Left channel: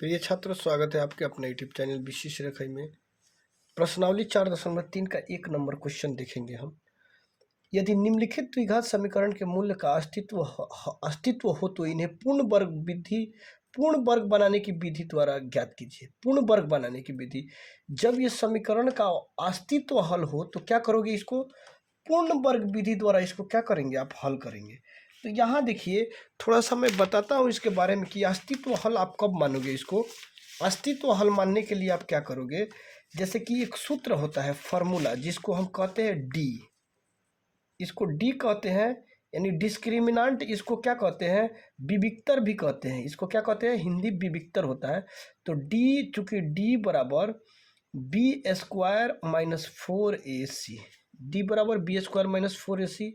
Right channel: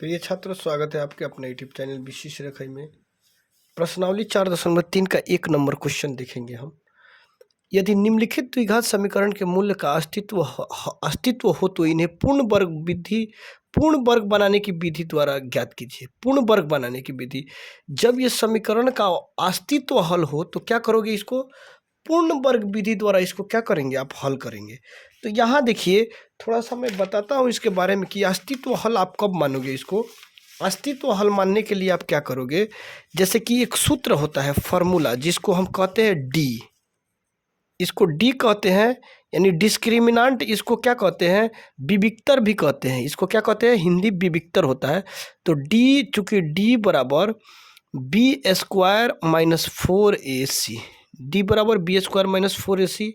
प्रिय छात्रों, स्वागत है आपके अपने यूट्यूब चैनल विशेष रेखाई में। प्रश्नावली 4.3 का 1 नंबर क्वेश्चन देखेंगे हम। यदि निम्नलिखित द्विघात समीकरण के मूल्य का अस्तित्व हो तो इन्हें पूर्ण वर्ग बनाने की विधि द्वारा ज्ञात कीजिए। पूर्ण वर्ग बनाने की विधि, जब ये समीकरण का अस्तित्व हल हो तो क्या करोगे, इसको पूर्ण वर्ग विधि द्वारा इसको क्या करेंगे, आप हल करेंगे। तो यहाँ देखिए, थोड़ा सा मैं बताता हूँ इसके बारे में कि अस्तित्व हल आप कब मानोगे। इसको अस्तित्व हल मानने के लिए आप क्या करोगे, जैसे कि एक सूत्र होता है, फॉर्मूला, जिसको हम कहते हैं डी। इसको डी कहते हैं, यानी डिस्क्रिमिनांट। इसको क्या कहते हैं, विविक्तर भी कहते हैं। इसको क्या कहते हैं, हिंदी विविक्तर होता है। तो डी, चूंकि डी बराबर B square minus 4ac, D बराबर बी स्क्वायर माइनस 4ac।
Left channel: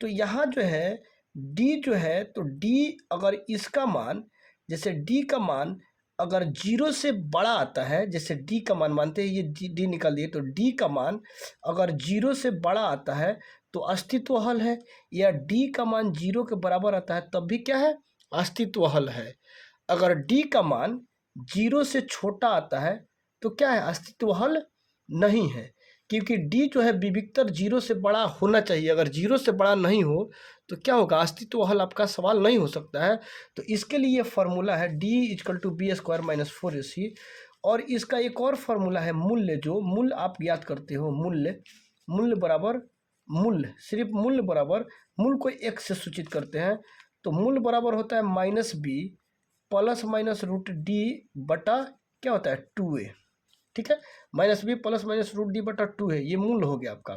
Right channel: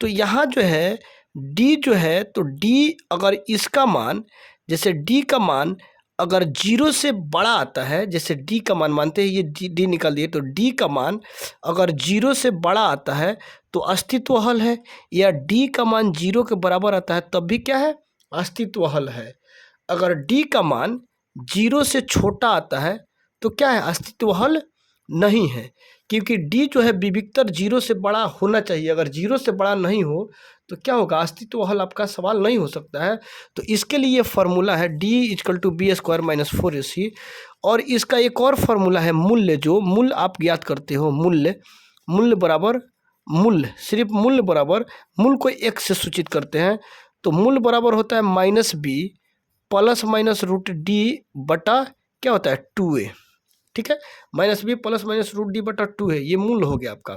तो यहाँ जो है डी जो है, तो डी अगर इसका मान, जैसे डी का मान अगर 0 से बड़ा आता है, जैसे डी का मान मानते हैं, ये डी निकाल दिए, तो डी का मान अगर 0 से बड़ा आता है तो अस्तित्व हल है, या डी का मान 0 के बराबर आता है तब भी क्या है, अस्तित्व हल है। अगर डी का मान 0 से छोटा आता है तो क्या है, अस्तित्व हल नहीं है, क्योंकि डी जो है विविक्तर 0 से बड़ा होना चाहिए। अगर 0 से बड़ा नहीं हो तो क्या होगा, अस्तित्व हल आपका सवाल नहीं हो सकता है। तो इसके लिए फॉर्मूला है D equal to B square minus 4ac। और इसका एक और फॉर्मूला है मूल्य, जो मूल्य आप ज्ञात करते हो, मूल्य बराबर मूल्य, सिर्फ मूल्य बराबर, मूल्य को एक से सूचित करते हैं, तो मूल्य बराबर होता है minus B plus minus root D बटा क्या होता है 2a। ठीक है, minus B plus minus root D बटा 2 है, ये मूल्य हो गया आपका।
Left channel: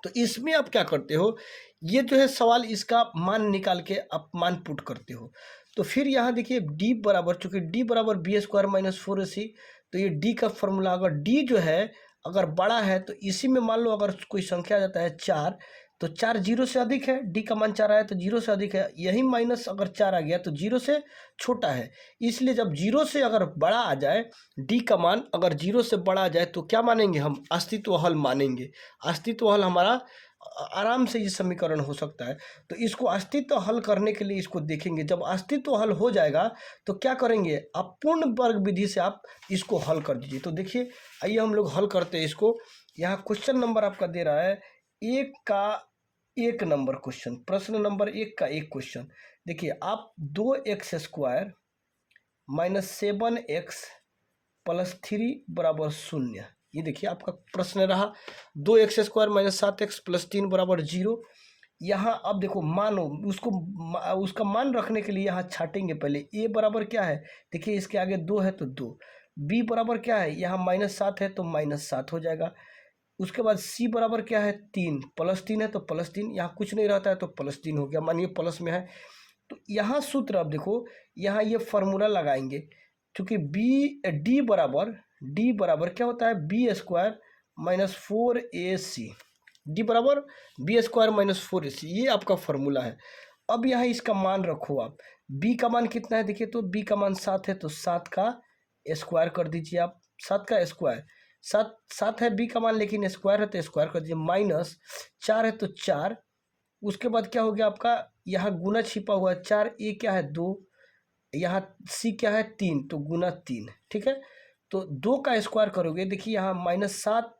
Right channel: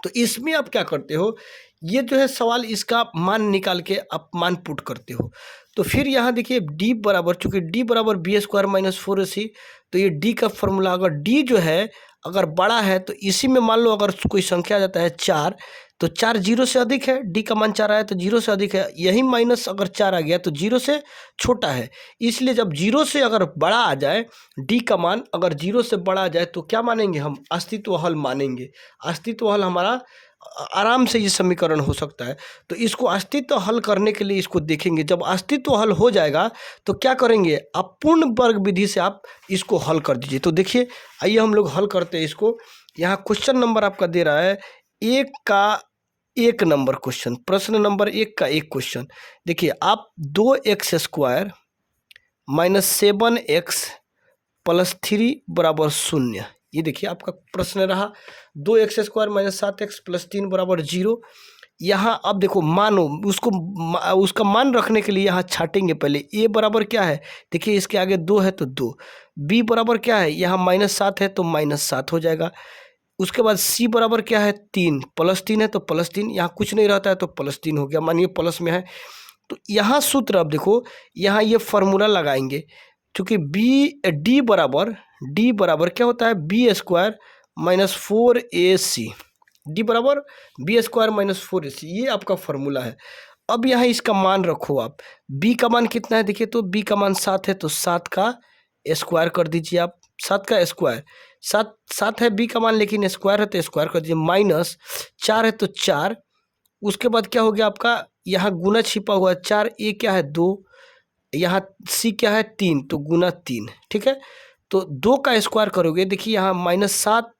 तो इसमें आप क्या करते हो, ये जो है सवाल, इसका मान निकाल के आप मान पुट करते हो। तो फिर यहाँ देखिए डी बराबर, चूंकि डी बराबर बी स्क्वायर माइनस 4ac, तो ये डी का फॉर्मूला, अगर डी जो है अगर बड़ा है तो इसी में मान लो अगर कोई संख्या आ जाता है 4, तो 4 0 से अधिक है, डी का मान 4 आया तो 0 से अधिक है, यही माइनस अगर 4 आ गया तो 0 से छोटा है। इसलिए जब 0 से अगर बड़ा आ जाए, डी का मान अगर 0 से बड़ा आ जाए तो क्या मानेंगे, हम अस्तित्व हल मानेंगे। अस्तित्व हल हमारा आराम से ये समीकरण हो सकता है। तो इसको अस्तित्व हल करने के लिए इसको देखेंगे, जब अस्तित्व हल हो जाएगा तो क्या करेंगे, आप पूर्ण वर्ग विधि से आप इसको हल कर दीजिए। तो देखिए, आइए हम लोग हल करते हैं इसको। यहाँ क्वेश्चन नंबर आपका दे रहा है 1 का 1 नंबर क्वेश्चन, प्रश्न नंबर 1 का 1 क्वेश्चन। देखिए, आप 2x square minus 7x plus 3 बराबर 0, ये देखिए आपका प्रश्न रहा। 2x square minus 7x plus 3 बराबर 0। यहाँ अब देखो, मानो उसका मान रखने के लिए यहाँ छाटेंगे। पहले a बराबर क्या है, देखिए इसके आगे 2 है तो 2, b बराबर क्या है, यहाँ -7 है तो -7 हो जाएगा। उसके बाद c बराबर क्या है 3, +3 है तो +3, यहाँ कुछ नहीं रहता है तो +3 हो गया, मानिए प्लस में है। तो यहाँ सूत्र, अब देखो यहाँ ये फॉर्मूला लगाएंगे, क्योंकि डी बराबर क्या होता है, B square minus 4ac, D बराबर बी स्क्वायर माइनस 4ac, ये आपका फॉर्मूला है। अब यहाँ इसका मान रखो आप, b का मान कितना है, देखिए तो b का मान 7 है तो 7 का स्क्वायर कर दीजिए आप, 7 का स्क्वायर, 7 है b का मान, लेकिन स्क्वायर है तो स्क्वायर कर दीजिए, माइनस 4 है तो 4। उसके बाद क्या हो गया आपका, यहाँ गुना छिपा हुआ है, 4 a क्या है 2, यहाँ c क्या है 3, तो गुना 3। ठीक है, तो 2 का स्क्वायर करोगे, देखिए यहाँ -7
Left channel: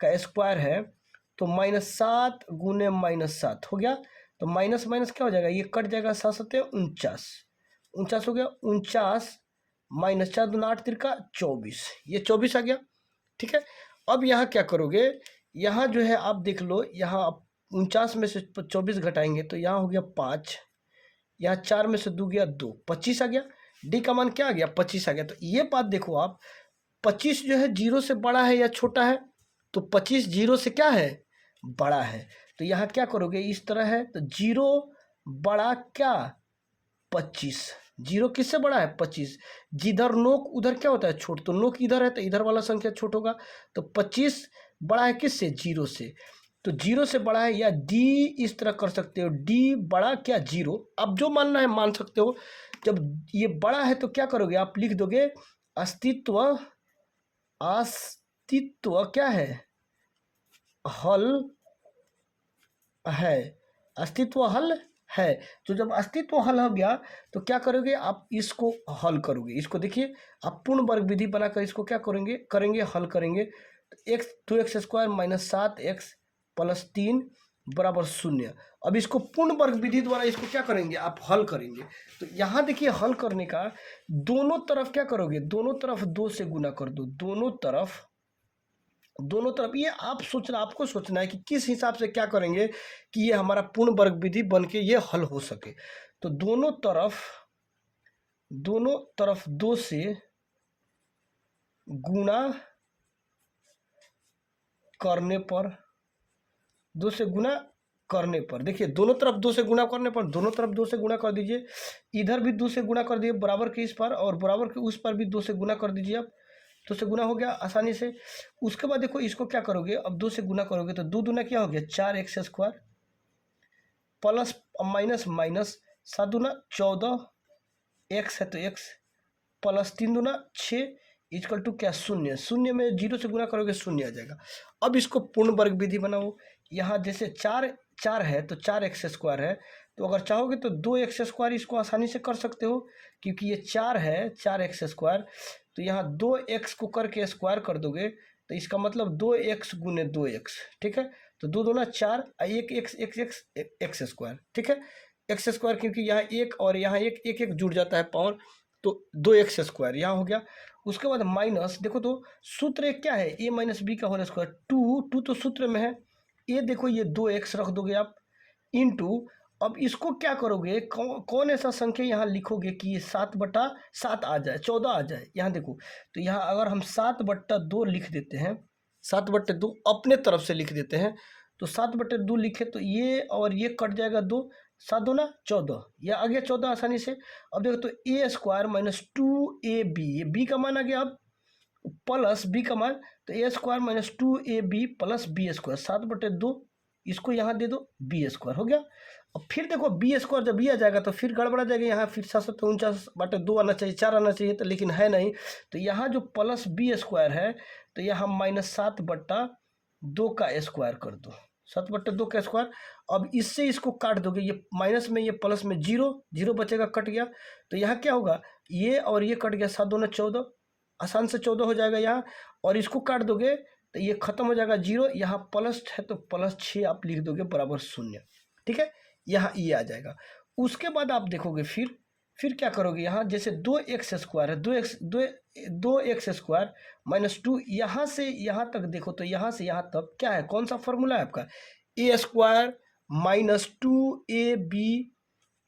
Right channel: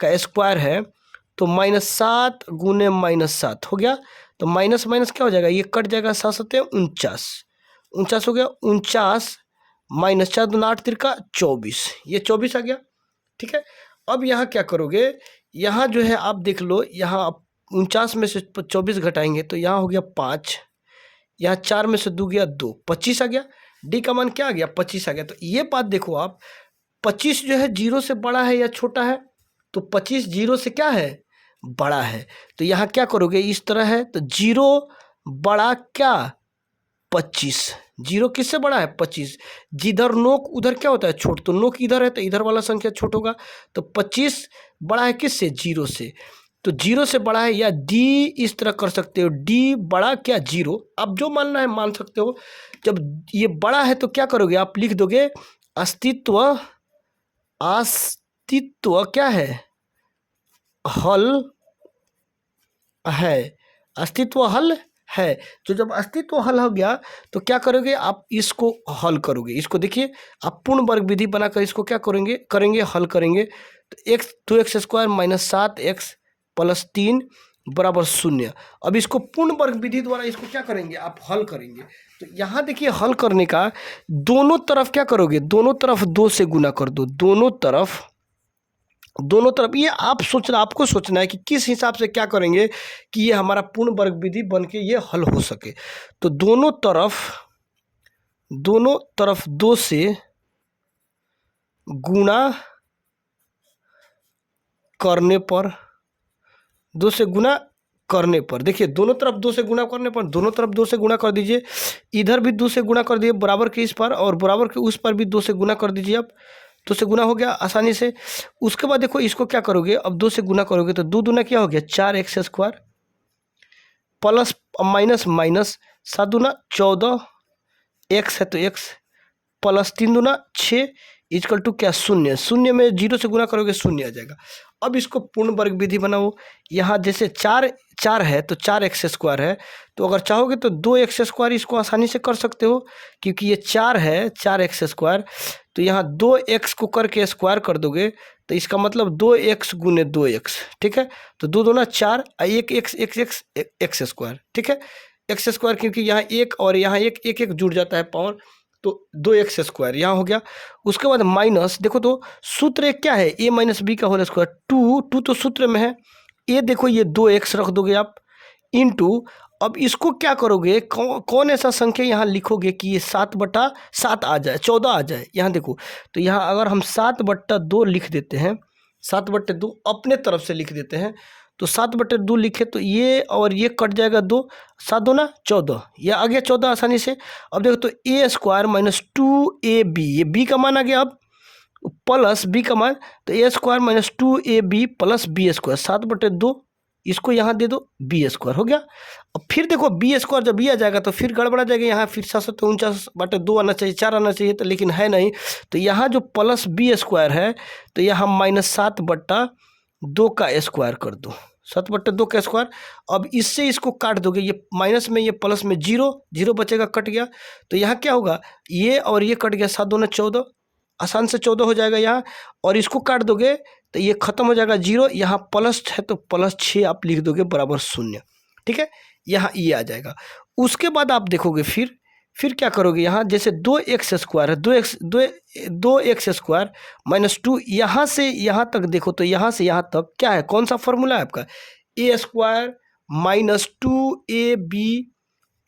का स्क्वायर है तो -7 गुने -7 हो गया, तो माइनस माइनस क्या हो जाएगा, ये कट जाएगा, 7 7 49 हो गया, 49 माइनस 4 दूना 8 तिरका 24, ये 24 आ गया। ठीक है, अब यहाँ क्या करोगे, यहाँ जो है आप देख लो, यहाँ आप 49 में से 24 घटाएंगे तो यहाँ हो गया 5, यहाँ 4 में से 2 गया 2, 25 आ गया। डी का मान क्या आ गया, 25 आ गया। तो ये बात देखो आप, 25 जो है 0 से बड़ा है या छोटा है, तो 25 0 से क्या है, बड़ा है। तो यहाँ क्या करोगे, इस तरह है तो 0 बड़ा क्या 25, 0 किससे बड़ा है 25, जिधर नोक उधर क्या होता है छोट, तो नोक इधर है तो इधर वाला संख्या छोट होगा। तो 25 बड़ा है किससे, 0 से, तो 0 से बड़ा है, या डी इस तरह कर सकते हो, डी बड़ा क्या 0, अब जो मानना है मान सकते हो। जब ये बड़ा है तो क्या करोगे, आप लिख दोगे अस्तित्व क्या है, हल है, अस्तित्व हल है। तो जब अस्तित्व हल हो गया तो क्या करोगे आप, इसको हल करोगे। इसको देखिए, आप पूर्ण वर्ग विधि बनाकर इसको क्या करेंगे हल करेंगे। तो x 2x² minus 7x plus 3 बराबर 0। अब इसको पूर्ण वर्ग विधि द्वारा इसको क्या करेंगे आप, हल करेंगे। तो यहाँ देखिए हल करने का, दोनों तरफ क्या करोगे, दोनों तरफ 2 से गुना कर दो, दोनों तरफ। ये आपको सोचना है कि किस हिसाब से क्या करेंगे कि ये हमारा पूर्ण वर्ग विधि बन के ये हल हो सके। तो दोनों तरफ 2 से गुणा करने पर, 2 से गुणा करने पर, देखिए दोनों तरफ 2 से गुणा करने पर, दोनों तरफ 2 से गुणा कर दीजिए। इधर भी 2 से गुणा कर दीजिए बराबर के इस पर, और बराबर के उस पर भी 2 से गुणा कर दीजिए। अब 2 से गुना हो गया आसानी से। उसके बाद देखो इसको क्या करोगे, अब 2 से गुना करोगे तो 2 दूना क्या हो गया 4x² प्लस माइनस माइनस 7 दूना 14, x है तो x प्लस 3 दूना 6 इक्वल टू क्या 0। 0 में 0 से गुना करोगे 0 आ जाएगा। अब इसको पूर्ण वर्ग विधि बनाओ। यहाँ जैसे 4 है तो 4x² है, तो अगर चाहोगे तो 2x² इसको आसानी से कर सकते हो, क्योंकि ये 4 है 4x²। तो यहाँ 2x को करके स्क्वायर कर दोगे तो इसका मतलब 2x गुने 2x, ठीक है। तो 2 दूना 4, एक x², ठीक है, x², क्योंकि यहाँ एक और यहाँ एक जुड़ जाता है पावर, तो 2x² यहाँ हो गया। उसके बाद माइनस, देखो तो सूत्र एक क्या है, a माइनस बी का होल स्क्वायर, 2 तो सूत्र में है, ये देखो ये 2x रख दोगे आप इनटू। अब इसको क्या करोगे, कौन ऐसा संख्या यहाँ लिखोगे कि ये 7/7 आ जाए, 14 आ जाए। यहाँ देखो, तो यहाँ अगर हम 7/2 लिख देते हैं, 7/2 अपने तरफ से लिख देते हैं, तो 7/2 लिखे तो ये और ये कट जाएगा 2, 7 दूना 14, ये आ गया 14 आसानी से। अब देखो तो a² माइनस 2ab, ये b का मान आ गया। अब प्लस b का मान, तो a² minus 2ab plus b², 7/2 इसको यहाँ दे दो, b² हो गया। अब फिर देखो b² जब ये आ जाएगा तो फिर गड़बड़ा जाएगा, यहाँ फिर 749/2 आना चाहिए, 4 आना चाहिए, तो लेकिन है नहीं। तो यहाँ जो प्लस b² है तो यहाँ माइनस 7/2 का स्क्वायर कर दो, 7/2 का स्क्वायर। अब इससे इसको काट दोगे, ये माइनस में ये प्लस में 0 बचेगा, कट गया। तो यहाँ क्या होगा, ये और ये कट गया, 7 दूना 14, आसान से 14 हो जाएगा यहाँ। और इसको काट दोगे तो ये खत्म हो जाएगा 0, यहाँ प्लस है तो प्लस 6 आप लिख दोगे बराबर 0, ठीक है, यहाँ ये आ जाएगा। उसके बाद आप देखोगे फिर क्या करोगे, यहाँ जैसे 2x² है, 2x² माइनस 2, यहाँ से यहाँ तक देखो, तो यहाँ से यहाँ तक क्या है, कौन सा फॉर्मूला है आपका, a² minus 2ab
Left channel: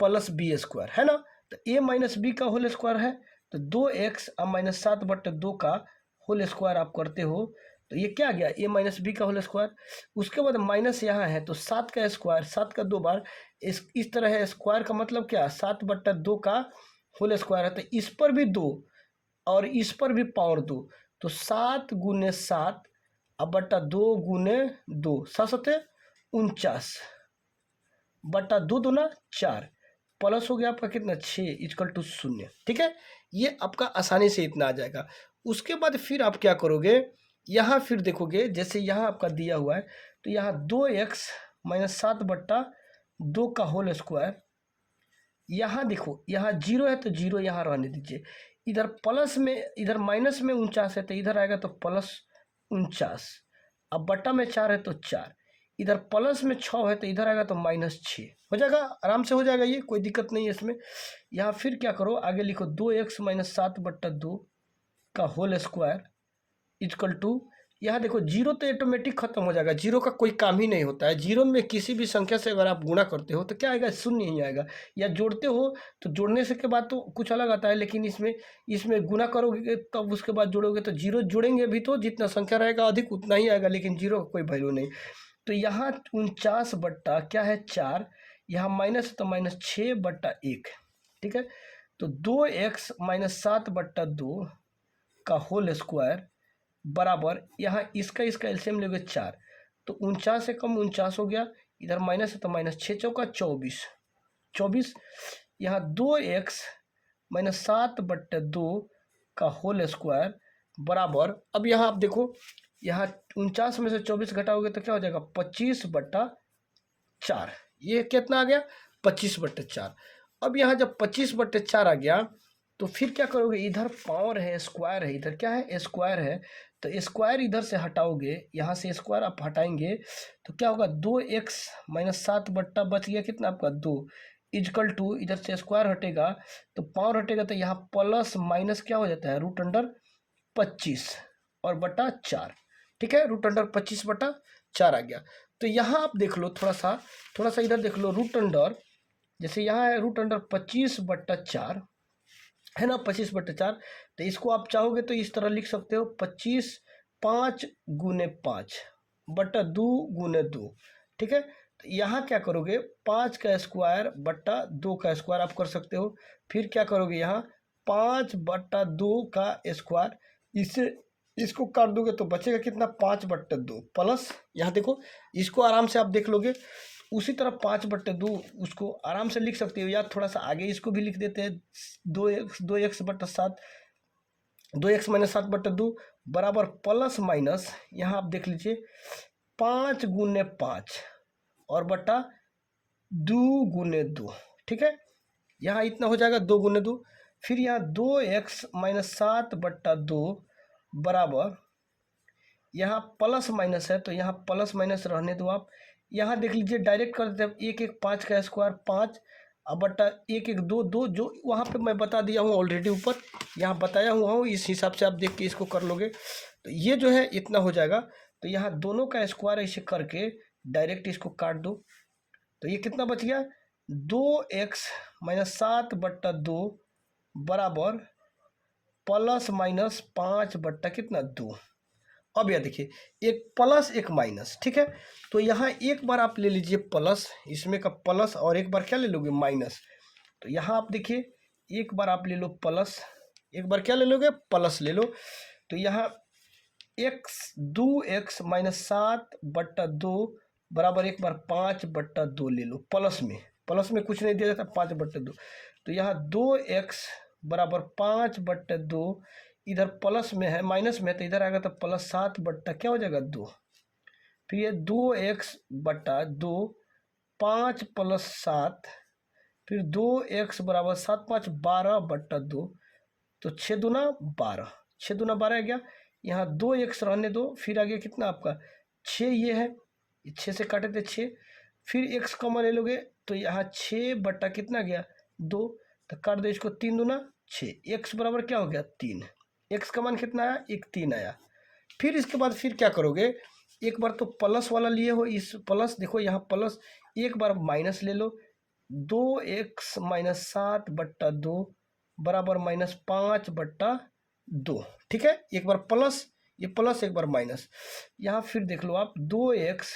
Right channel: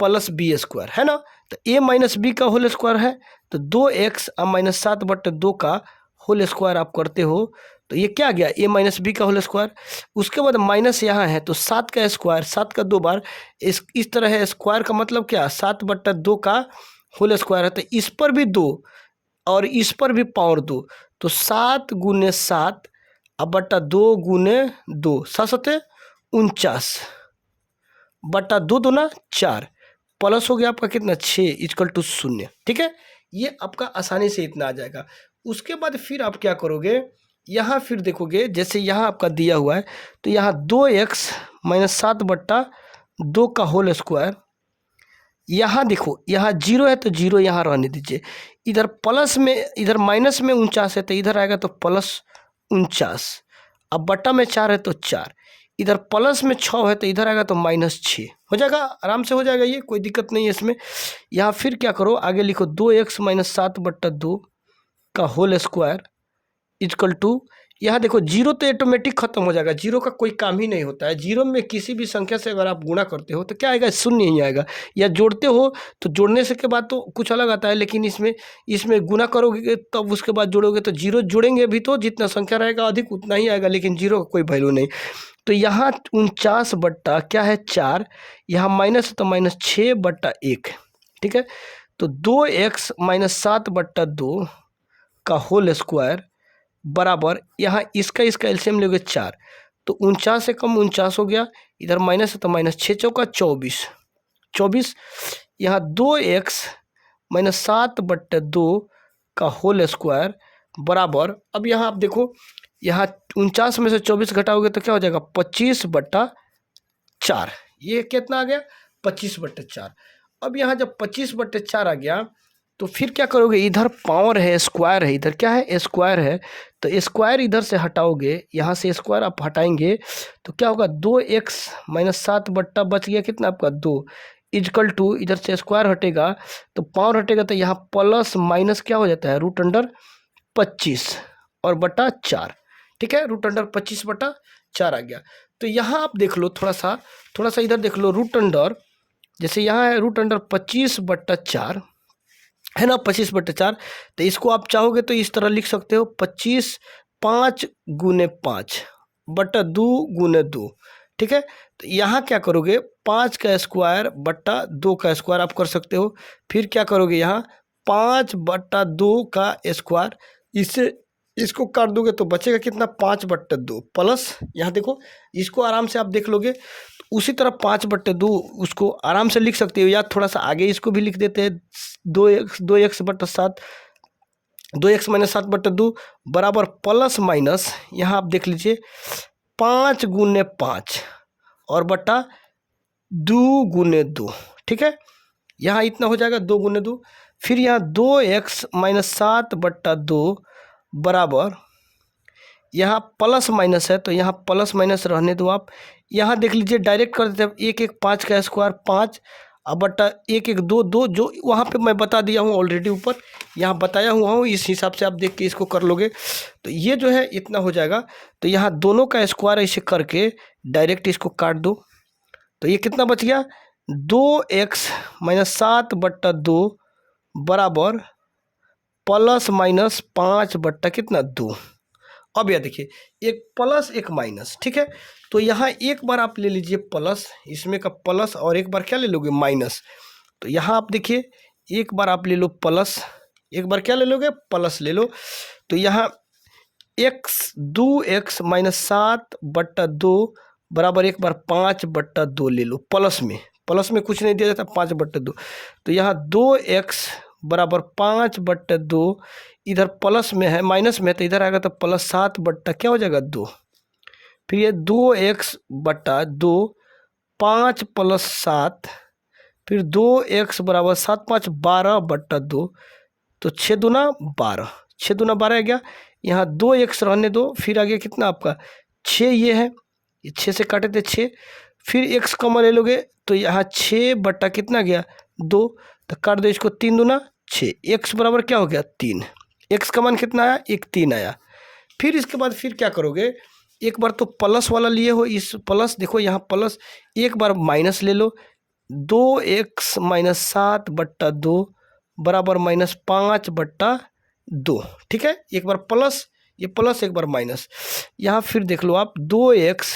plus b² है ना। तो a माइनस बी का होल स्क्वायर है, तो 2x माइनस 7/2 का होल स्क्वायर आप करते हो, तो ये क्या गया a माइनस बी का होल स्क्वायर। उसके बाद माइनस यहाँ है तो 7 का स्क्वायर, 7 का 2 बार, इस तरह है, स्क्वायर का मतलब क्या, 7/2 का होल स्क्वायर है। तो इस पर भी 2 और इस पर भी पावर 2, तो 7 गुने 7 बट्टा 2 गुने 2, 7 49 बट्टा 2 दूना 4, प्लस हो गया आपका कितना 6 इक्वल टू 0, ठीक है। ये आपका आसानी से इतना आ जाएगा। उसके बाद फिर आप क्या करोगे, यहाँ फिर देखोगे जैसे यहाँ आपका दिया हुआ है, तो यहाँ 2x माइनस 7/2 का होल स्क्वायर, यहाँ देखो यहाँ 0 है तो 0 यहाँ रहने दीजिए, इधर प्लस में, इधर माइनस में 49 है तो इधर आएगा तो प्लस 49, अब बट्टा में 4 है तो 4, इधर प्लस में 6 है तो इधर आएगा तो माइनस 6 हो जाएगा, आराम से हो जाएगा, ये कोई दिक्कत नहीं है इसमें। यहाँ फिर क्या करो, आगे लिखो 2x माइनस 7/2 का होल स्क्वायर इक्वल टू, यहाँ देखो 0 तो ऑटोमेटिक खत्म हो जाएगा, 0 का कोई काम ही नहीं होता है। 0 में किसी भी संख्या से अगर आप गुणा करते हो तो क्या आएगा, 0 ही आएगा, या जोड़ते हो तो जोड़ने से के बाद तो कुछ अलग आता है, लेकिन इसमें गुणा करोगे तब उसके बाद जोड़ोगे तो 0 जोड़ेंगे भी तो जितना संख्या रहेगा अधिक उतना ही आएगा, लेकिन 0 का कोई वैल्यू नहीं। तो यहाँ 49 बट्टा क्या है 4, यहाँ माइनस तो माइनस 6/1, ठीक है। तो 2x माइनस 7/2 का होल स्क्वायर बराबर, यहाँ इसका एलसीएम लोगे 4, तो 49 से कम 49 हो गया, इधर माइनस है तो माइनस 6 चौका 24, यहाँ 2x माइनस 7/2 का होल स्क्वायर बराबर, अब यहाँ आप देखो, यहाँ 49 में से 24 घटाओगे तो क्या हो जाएगा 25/4, ये कितना आ गया 25/4। अब यहाँ जब 25/4 आ गया तो फिर क्या करोगे, इधर पावर है, स्क्वायर है, इधर क्या है, स्क्वायर है, तो स्क्वायर इधर से हटाओगे, यहाँ से स्क्वायर आप हटाएंगे तो क्या होगा, 2x-7 बट्टा बच गया कितना आपका 2 इजकल टू, इधर से स्क्वायर हटेगा तो पावर हटेगा तो यहाँ प्लस माइनस क्या हो जाता है, √25 और बटा 4। ठीक है, √25/4 आ गया। तो यहाँ आप देख लो थोड़ा सा इधर देख लो, जैसे यहाँ है √25/4 है ना, 25/4। तो इसको आप चाहोगे तो इस तरह लिख सकते हो, 25 5 गुने 5 बटा 2 गुने 2। ठीक है, तो यहाँ क्या करोगे, 5 का स्क्वायर बटा 2 का स्क्वायर आप कर सकते हो। फिर क्या करोगे, यहाँ 5/2 का स्क्वायर, इससे इसको काट दोगे तो बचेगा कितना, 5/2 प्लस, यहाँ देखो इसको आराम से आप देख लोगे। उसी तरह 5/2 उसको आराम से लिख सकते हो, या थोड़ा सा आगे इसको भी लिख देते हैं, 2x/7 2x-7/2 बराबर प्लस माइनस, यहाँ आप देख लीजिए 5 गुने 5 और बटा 2 गुने 2। ठीक है, यहाँ इतना हो जाएगा 2 गुने 2। फिर यहाँ 2x-7/2 बराबर, यहाँ प्लस माइनस है तो यहाँ प्लस माइनस रहने दो आप। यहाँ देख लीजिए डायरेक्ट कर देते हैं, 1 का स्क्वायर 5 अब बटा 1 जो वहाँ पे मैं बता दिया हूँ ऑलरेडी, ऊपर यहाँ बताया हुआ हूँ, इस हिसाब से आप देख के इसको कर लोगे तो ये जो है इतना हो जाएगा। तो यहाँ दोनों का स्क्वायर ऐसे करके डायरेक्ट इसको काट दो तो ये कितना बच गया, 2x-7/2 बराबर प्लस माइनस 5 बट्टा कितना 2। अब यह देखिए, एक प्लस एक माइनस। ठीक है, तो यहाँ एक बार आप ले लीजिए प्लस, इसमें का प्लस, और एक बार क्या ले लोगे, माइनस। तो यहाँ आप देखिए, एक बार आप ले लो प्लस, एक बार क्या ले लोगे, प्लस ले लो। तो यहाँ 2x-7/2 बराबर एक बार 5/2 ले लो, प्लस में कुछ नहीं दिया जाता, 5/2। तो यहाँ 2x बराबर 5/2, इधर प्लस में है, माइनस में, तो इधर आएगा तो +7 बट्टा क्या हो जाएगा 2। फिर ये 2x/2, 5 + 7, फिर 2x बराबर 7 × 5 = 12/2, तो 6 दूना 12, 6 दूना 12 आ गया। यहाँ 2x रहने दो, फिर आ गया कितना आपका 6, ये है, ये 6 से काटे थे 6, फिर x कॉमन ले लोगे तो यहाँ 6 बट्टा कितना गया 2, तो काट दो इसको, 3 दूना 6, x बराबर क्या हो गया 3, x का मान कितना आया 1 3 आया। फिर इसके बाद फिर क्या करोगे, एक बार तो प्लस वाला लिए हो, इस प्लस देखो यहाँ प्लस, एक बार माइनस ले लो, 2x-7/2 बराबर -5/2। ठीक है, एक बार प्लस, ये प्लस, एक बार माइनस। यहाँ फिर देख लो आप, 2x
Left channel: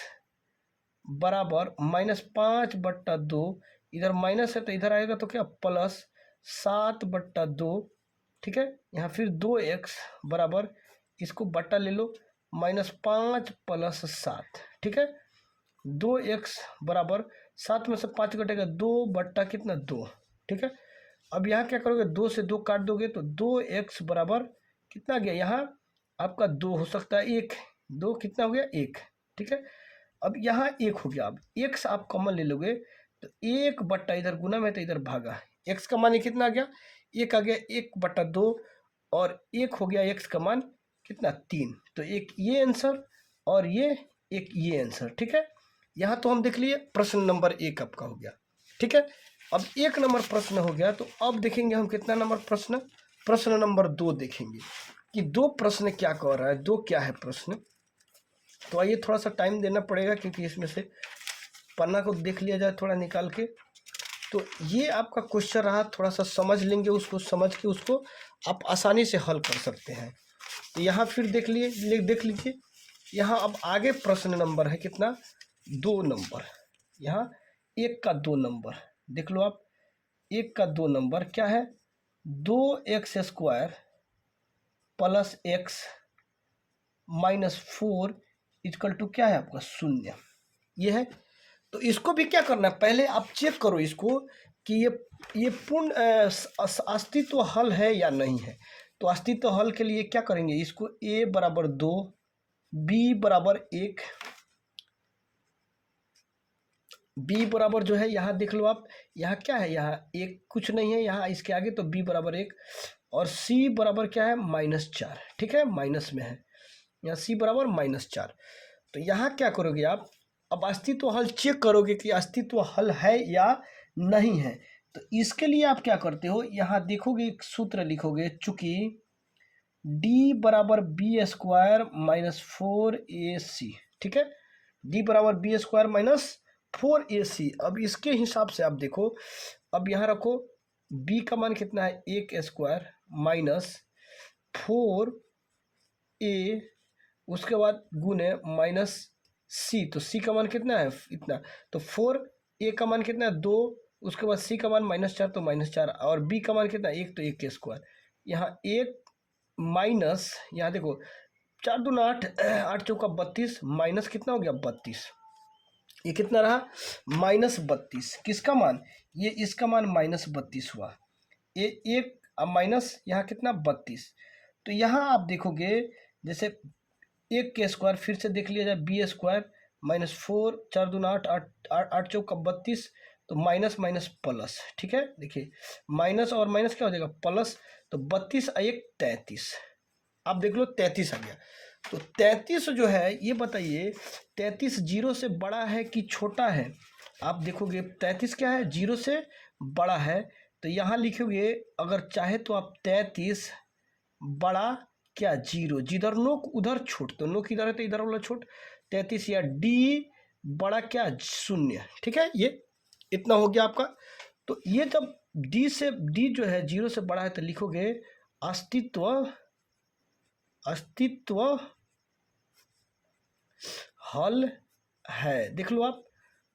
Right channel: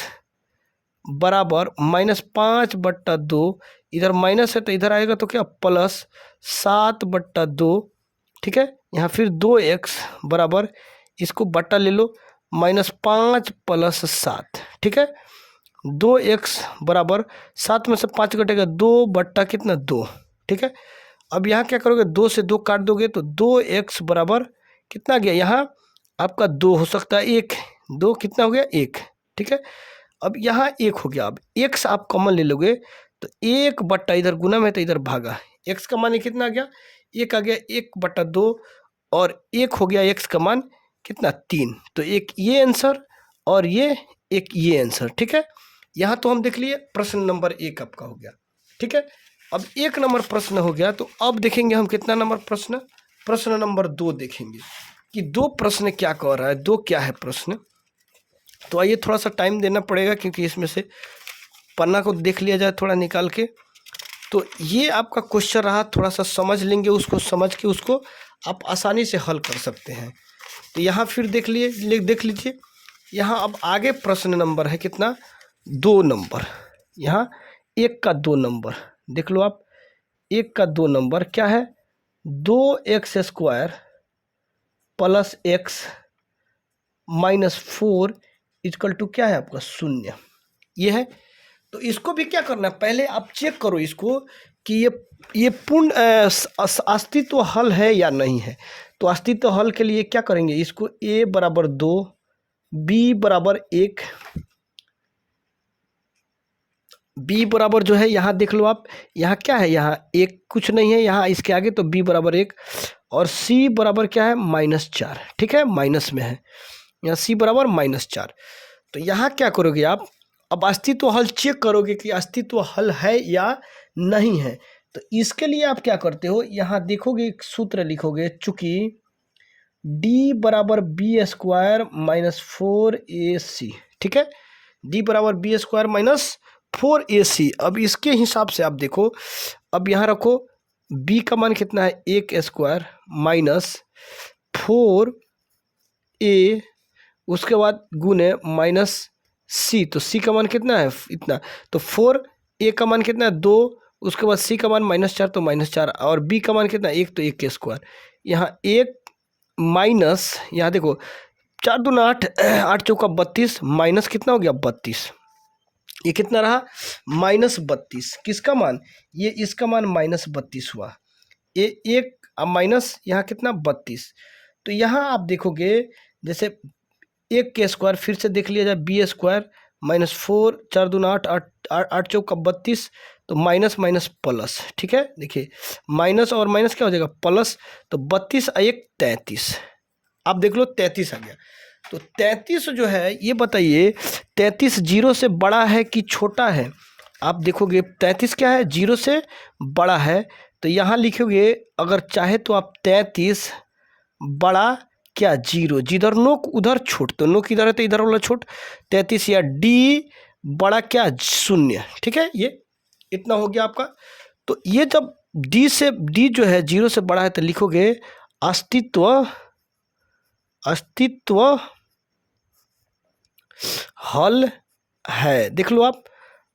बराबर -5/2, इधर माइनस है तो इधर आएगा तो क्या +7/2। ठीक है, यहाँ फिर 2x बराबर, इसको बट्टा ले लो, -5 + 7। ठीक है, 2x बराबर 7 में से 5 घटेगा 2 बट्टा कितना 2। ठीक है, अब यहाँ क्या करोगे, 2 से 2 काट दोगे तो 2x बराबर कितना गया, यहाँ आपका 2 हो सकता है 1, 2 कितना हो गया 1। ठीक है, अब यहाँ 1 हो गया। अब x आप कॉमन ले लोगे तो 1 बट्टा, इधर गुना में तो इधर भागा, x का मान कितना आ गया 1 आ गया, 1/2, और 1 हो गया x का मान कितना 3। तो एक ये आंसर और ये एक ये आंसर। ठीक है, यहाँ तो हम देख लिए प्रश्न नंबर 1 आपका हो गया। ठीक है, अब 1 नंबर प्रश्न हो गया, तो अब देखेंगे हम कितना नंबर प्रश्न, प्रश्न नंबर 2 देखेंगे कि 2 प्रश्न क्या कह रहा है, 2 क्या है प्रश्न। तो आइए थोड़ा सा टाइम देना पड़ेगा क्योंकि इसमें से पन्ना को देख लिया जाए थोड़ा निकाल के। तो ये आपका क्वेश्चन रहा, थोड़ा सा समझ लेंगे उसको, समझ के उसको आप आसानी से हल कर सकते हैं। तो यहाँ फिर देख लीजिए, यहाँ अब आगे प्रश्न नंबर है कितना 2 नंबर। यहाँ 1 का 2 नंबर देख लो आप, 1 का 2 नंबर क्या है, 2x² + x -4 = क्या है आपका 0, ये है। तो इसको भी क्या करना है, पहले आप चेक करो इसको कि ये पूर्ण अस्तित्व हल है या नहीं है। तो अस्तित्व हल के लिए क्या करेंगे, इसको a बराबर 2, b बराबर 1, बी बराबर जो है यहाँ देख लो आप, यहाँ क्या है, यहाँ एक कुछ नहीं है यहाँ इसके आगे, तो बी बराबर 1 और सी बराबर क्या है -4, ठीक है, माइनस में है यहाँ सी बराबर -4। तो यहाँ क्या करोगे आप, अब अस्तित्व हल चेक करोगे कि अस्तित्व हल है या नहीं है। तो इसके लिए आप क्या करते हो, यहाँ देखोगे एक सूत्र लिखोगे, चूंकि डी बराबर बी स्क्वायर -4ac, ठीक है, डी बराबर बी स्क्वायर -4ac। अब इसके हिसाब से आप देखो, अब यहाँ रखो b का मान कितना है 1 स्क्वायर -4a, उसके बाद गुने -c, तो c का मान कितना है इतना, तो 4a का मान कितना है 2, उसके बाद c का मान -4 तो -4, और b का मान कितना 1 तो 1 के स्क्वायर, यहाँ 1 माइनस, यहाँ देखो 4 दूना 8, 8 चौका 32, माइनस कितना हो गया 32, ये कितना रहा -32, किसका मान, ये इसका मान -32 हुआ, ये एक माइनस यहाँ कितना 32। तो यहाँ आप देखोगे जैसे 1 के स्क्वायर, फिर से देख लिया जाए बी स्क्वायर -4, 4 दूना 8, 8 चौका 32, तो माइनस माइनस प्लस, ठीक है, देखिए माइनस और माइनस क्या हो जाएगा प्लस, तो 32 1 33, आप देख लो 33 आ गया। तो 33 जो है ये बताइए 33 जीरो से बड़ा है कि छोटा है, आप देखोगे 33 क्या है जीरो से बड़ा है, तो यहाँ लिखोगे अगर चाहे तो आप 33 बड़ा क्या जीरो, जिधर नोक उधर छोट, तो नोक इधर है तो इधर वाला छोट, 33 या डी बड़ा क्या 0, ठीक है, ये इतना हो गया आपका। तो ये जब डी जो है जीरो से बड़ा है तो लिखोगे अस्तित्व हल है, देख लो आप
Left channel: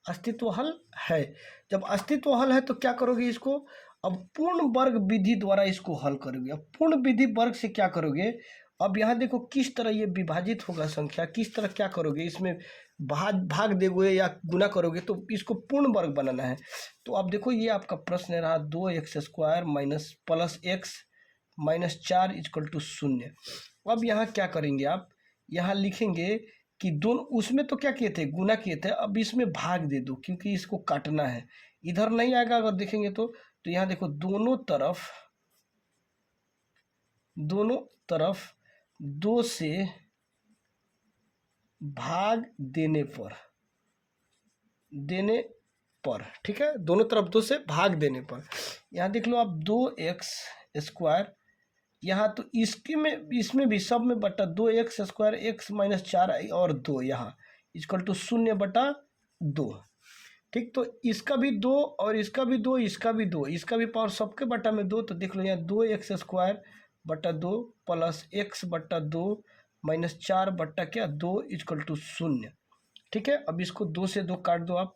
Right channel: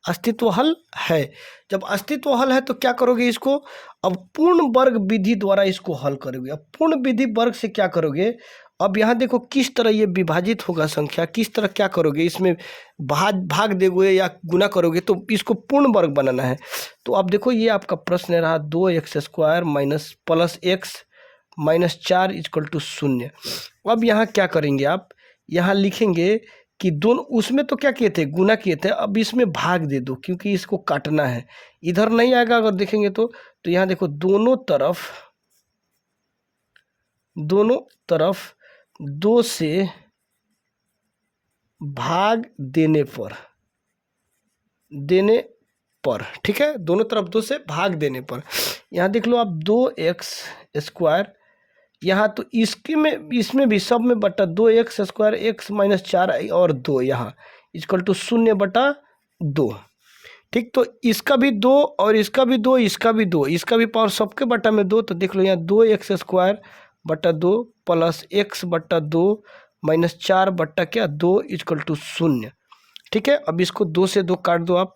अस्तित्व हल है। जब अस्तित्व हल है तो क्या करोगे इसको, अब पूर्ण वर्ग विधि द्वारा इसको हल करोगे। अब पूर्ण विधि वर्ग से क्या करोगे, अब यहाँ देखो किस तरह ये विभाजित होगा संख्या, किस तरह क्या करोगे, इसमें भाग दोगे या गुना करोगे, तो इसको पूर्ण वर्ग बनाना है। तो अब देखो ये आपका प्रश्न रहा 2x square minus plus x -4 = 0। अब यहाँ क्या करेंगे आप, यहाँ लिखेंगे कि दोनों, उसमें तो क्या किए थे गुना किए थे, अब इसमें भाग दे दो क्योंकि इसको काटना है, इधर नहीं आएगा अगर देखेंगे तो यहाँ देखो दोनों तरफ 2 से भाग देने पर, ठीक है, दोनों तरफ 2 से भाग देने पर, यहाँ देख लो आप 2x स्क्वायर, यहाँ तो इसमें भी सब में बटा 2x स्क्वायर x -4 और 2 यहाँ = 0/2, ठीक, तो इसका भी 2 और इसका भी 2, इसका भी 2, इसका भी पावर सबके बटा में 2, तो देख लो यहाँ 2x स्क्वायर बटा 2 प्लस x/2 -4 बटा क्या 2 = 0, ठीक है। अब इसको 2 से 2 काट दो आप,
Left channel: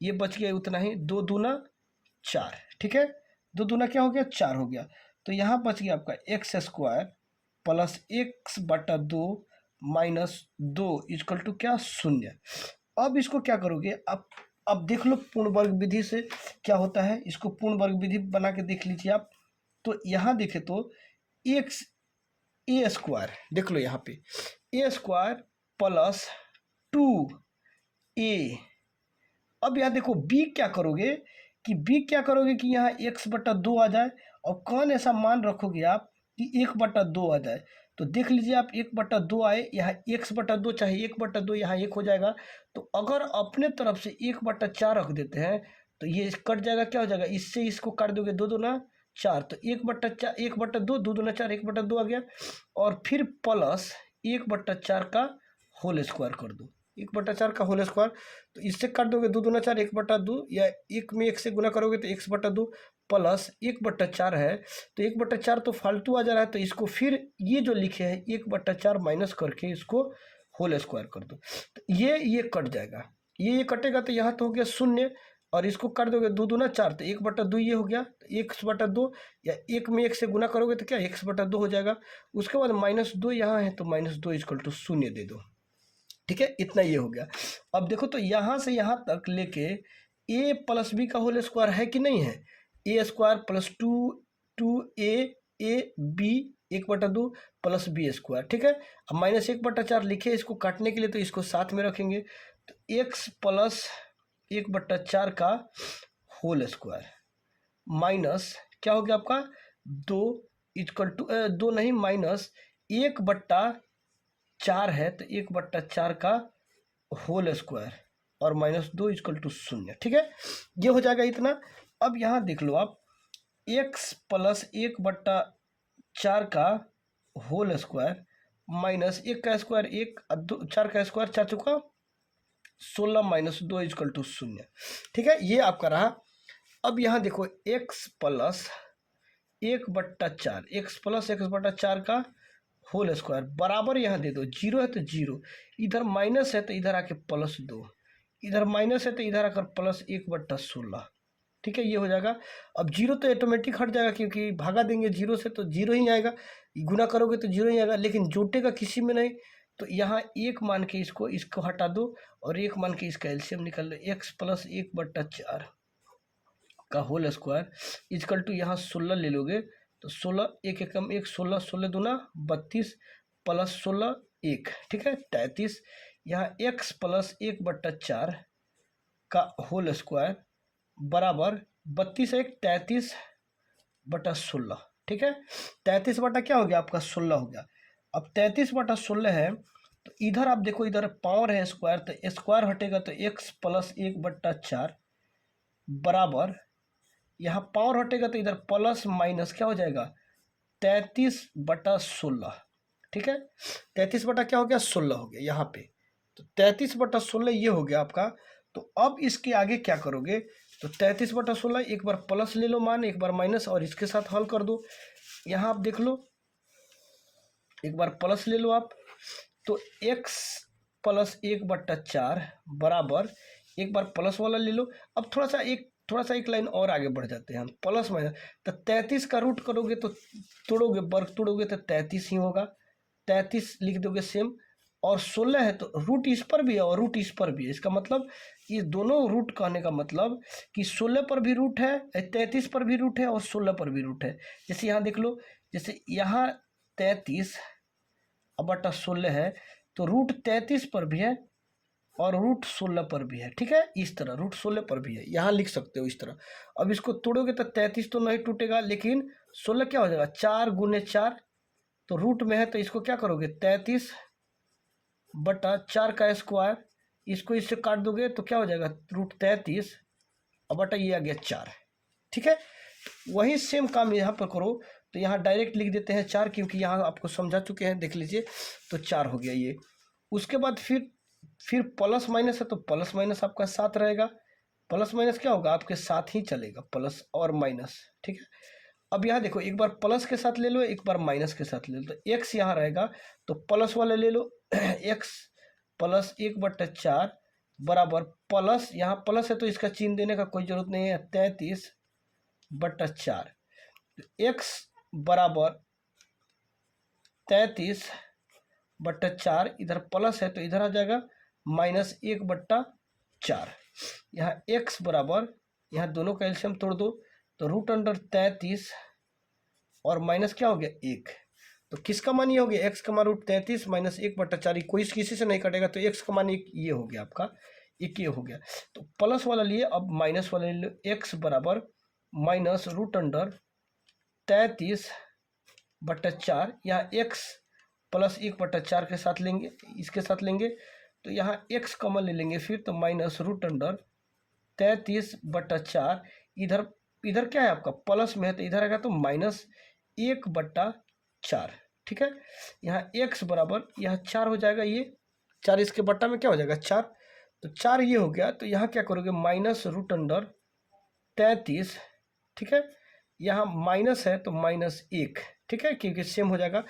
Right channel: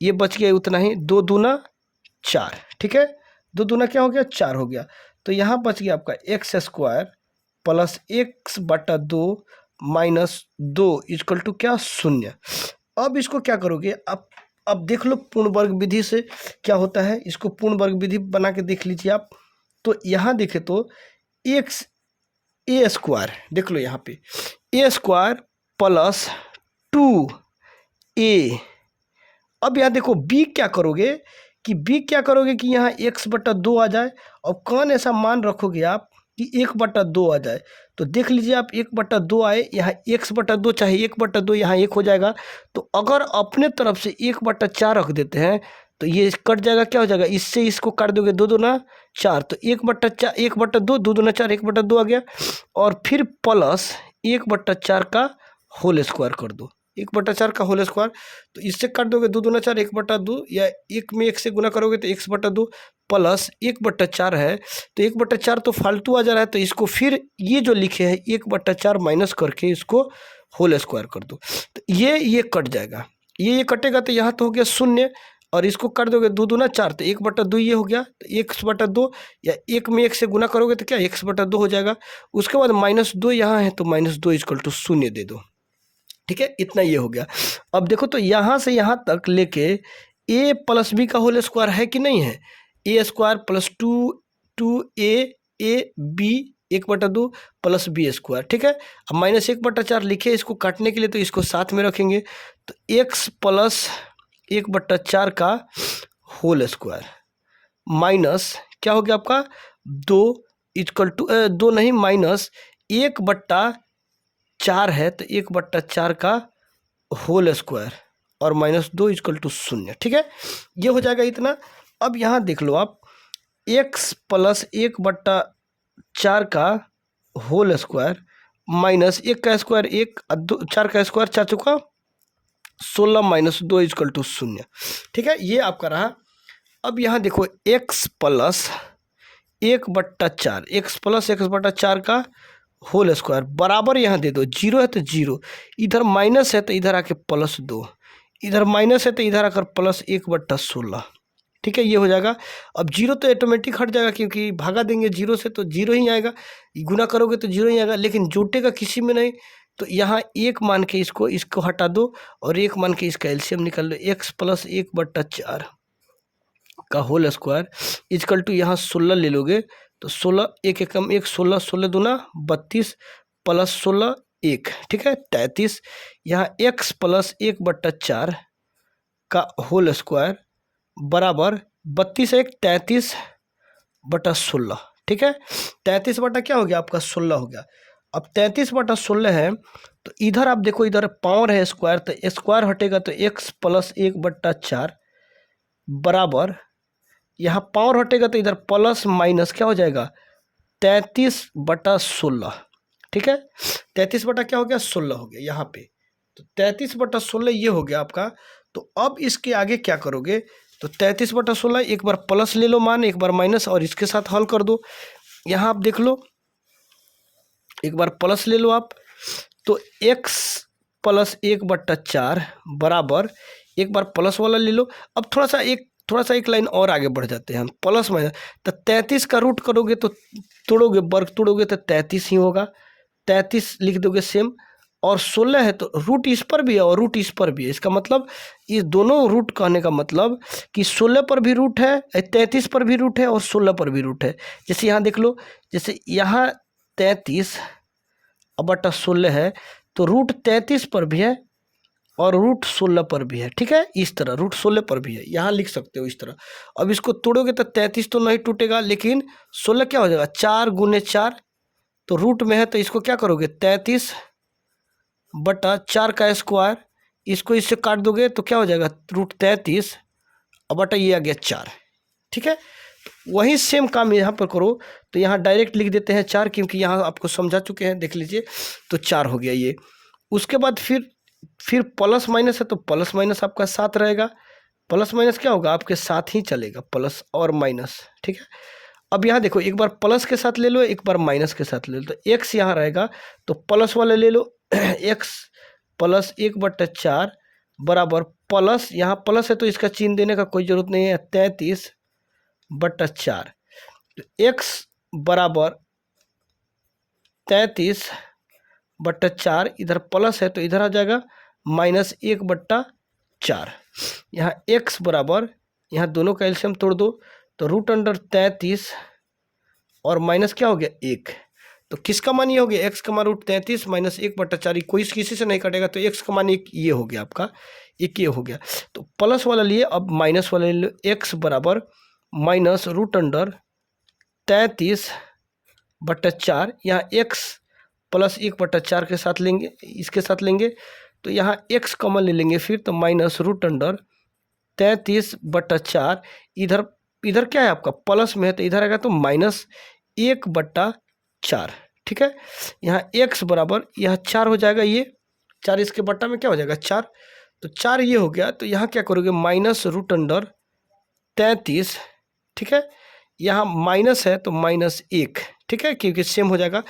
ये बच गया उतना ही, 2 दूना 4, ठीक है, 2 दूना क्या हो गया 4 हो गया। तो यहाँ बच गया आपका x स्क्वायर प्लस x/2 -2 = क्या 0। अब इसको क्या करोगे, अब देख लो पूर्ण वर्ग विधि से क्या होता है, इसको पूर्ण वर्ग विधि बना के देख लीजिए आप। तो यहाँ देखे तो x a स्क्वायर, देख लो यहाँ पे a स्क्वायर प्लस 2a। अब यहाँ देखो b क्या करोगे कि यहाँ x/2 आ जाए, और कौन ऐसा मान रखोगे आप कि 1/2 आ जाए, तो देख लीजिए आप 1/2 आए, यहाँ x/2 चाहे 1/2 यहाँ 1 हो जाएगा। तो अगर अपने तरफ से 1/4 रख देते हैं तो ये कट जाएगा, क्या हो जाएगा, इससे इसको काट दोगे 2 दूना 4, तो 1/4 1/2 2 दूना 4 1/2 आ गया, और फिर प्लस 1/4 का होल स्क्वायर कर दो, 1/4 का होल स्क्वायर, तो इससे काट दोगे 2 दूना 4 1/2, या 1 में 1 से गुना करोगे तो x/2 प्लस 1/4 है, तो 1/4 तो फालतू आ जा रहा है, तो इसको फिर ये जो लिखे हैं 1/4 माइनस करके इसको होल स्क्वायर कर दो, तो ये कट जाएगा, ये कटेगा, तो यहाँ तो हो गया 0, और इसको कर दोगे 2 दूना 4, तो 1/2 ये हो गया, तो x/2, या 1 में 1 से गुना करोगे तो क्या x/2 हो जाएगा। उसके बाद -2 यहाँ है तो -2 = 0 दे दो, ठीक है, इतना ये हो गया। अब देखो तो यहाँ से यहाँ तक लेके a प्लस b का होल स्क्वायर है कि नहीं है, a square plus 2a b 1/2 plus b square, ठीक है। अब -1/4 लिखे इसको काटने के लिए, तो इसको साथ में रखेंगे, तो x प्लस 1/4 का होल स्क्वायर माइनस क्या हो गया आपका 2 इक्वल टू 2 नहीं माइनस 1/4 है तो 1/4 का होल स्क्वायर और -2 इक्वल टू 0। ठीक है, ये हो जाएगा इतना। अब यहाँ देख लो आप x प्लस 1/4 का होल स्क्वायर माइनस 1 का स्क्वायर 1 4 का स्क्वायर 4 चौका 16 -2 इक्वल टू 0। ठीक है, ये आपका रहा। अब यहाँ देखो x प्लस 1/4 x प्लस 1/4 का होल स्क्वायर बराबर यहाँ दे दो, जीरो है तो जीरो, इधर माइनस है तो इधर आके +2, इधर माइनस है तो इधर आकर +1/16। ठीक है, ये हो जाएगा। अब जीरो तो ऑटोमेटिक हट जाएगा क्योंकि भागा देंगे जीरो से तो जीरो ही आएगा, गुना करोगे तो जीरो ही आएगा, लेकिन जोटेगा किसी में नहीं। तो यहाँ एक मान के इसको हटा दो और एक मान के इसका एलसीएम निकाल लो। x प्लस 1/4 का होल स्क्वायर इक्वल टू यहाँ 16 ले लोगे तो 16 एक एकम 1 16 16 दूना 32 प्लस 16 1, ठीक है 33। यहाँ x प्लस 1/4 का होल स्क्वायर बराबर 32 1 33/16। ठीक है, 33 बटा क्या हो गया आपका 16 हो गया। अब 33/16 है तो इधर आप देखो, इधर पावर है स्क्वायर, तो स्क्वायर हटेगा तो x प्लस 1/4 बराबर, यहाँ पावर हटेगा तो इधर प्लस माइनस क्या हो जाएगा 33/16। ठीक है, 33 बटा क्या हो गया 16 हो गया यहाँ पे, तो 33/16 ये हो गया आपका। तो अब इसके आगे क्या करोगे, तो 33/16 एक बार प्लस ले लो मान, एक बार माइनस, और इसके साथ हल कर दो। यहाँ आप देख लो, एक बार प्लस ले लो आप, तो x प्लस 1/4 बराबर, एक बार प्लस वाला ले लो। अब थोड़ा सा एक लाइन और आगे बढ़ जाते हैं हम, प्लस माइनस, तो 33 का रूट करोगे तो तोड़ोगे, वर्ग तोड़ोगे तो 33 ही होगा, 33 लिख दोगे सेम। और 16 है तो रूट इस पर भी है और रूट इस पर भी है, इसका मतलब ये दोनों रूट कहने का मतलब कि 16 पर भी रूट है, 33 पर भी रूट है और 16 पर भी रूट है। जैसे यहाँ देख लो, जैसे यहाँ 33/16 है तो रूट 33 पर भी है और रूट 16 पर भी है। ठीक है, इस तरह रूट 16 पर भी है, यहाँ लिख सकते हो इस तरह। अब इसको तोड़ोगे तो 33 तो नहीं टूटेगा, लेकिन 16 क्या हो जाएगा 4 × 4, तो रूट में है तो इसको क्या करोगे 33/4 का स्क्वायर, इसको इससे काट दोगे तो क्या हो जाएगा रूट 33 बटा ये आ गया 4। ठीक है, वही सेम काम यहाँ पर करो, तो यहाँ डायरेक्ट लिख देते हैं 4, क्योंकि यहाँ आपको समझा चुके हैं, देख लीजिए, तो 4 हो गया ये। उसके बाद फिर प्लस माइनस है तो प्लस माइनस आपका साथ रहेगा, प्लस माइनस क्या होगा आपके साथ ही चलेगा, प्लस और माइनस। ठीक है, अब यहाँ देखो, एक बार प्लस के साथ ले लो, एक बार माइनस के साथ ले लो, तो x यहाँ रहेगा तो प्लस वाले ले लो x प्लस 1/4 बराबर प्लस, यहाँ प्लस है तो इसका चिन्ह देने का कोई ज़रूरत नहीं है, 33/4, तो x बराबर 33/4, इधर प्लस है तो इधर आ जाएगा -1/4। यहाँ x बराबर, यहाँ दोनों का एलसीएम तोड़ दो तो √33 और माइनस क्या हो गया 1, तो किसका मान ये हो गया x का मान √33 - 1/4, कोई किसी से नहीं कटेगा, तो x का मान 1 ये हो गया आपका, 1 ये हो गया। तो प्लस वाला लिए, अब माइनस वाला ले लो, x बराबर -√33/4, यहाँ x प्लस 1/4 के साथ लेंगे, इसके साथ लेंगे तो यहाँ x कॉमन ले लेंगे फिर, तो -√33/4, इधर क्या है आपका प्लस में है तो इधर आएगा तो -1/4। ठीक है, यहाँ x बराबर, यह 4 हो जाएगा, ये 4 इसके बट्टा में क्या हो जाएगा 4, तो 4 ये हो गया। तो यहाँ क्या करोगे -√33, ठीक है, यहाँ माइनस है तो -1, ठीक है, क्योंकि सेम हो जाएगा।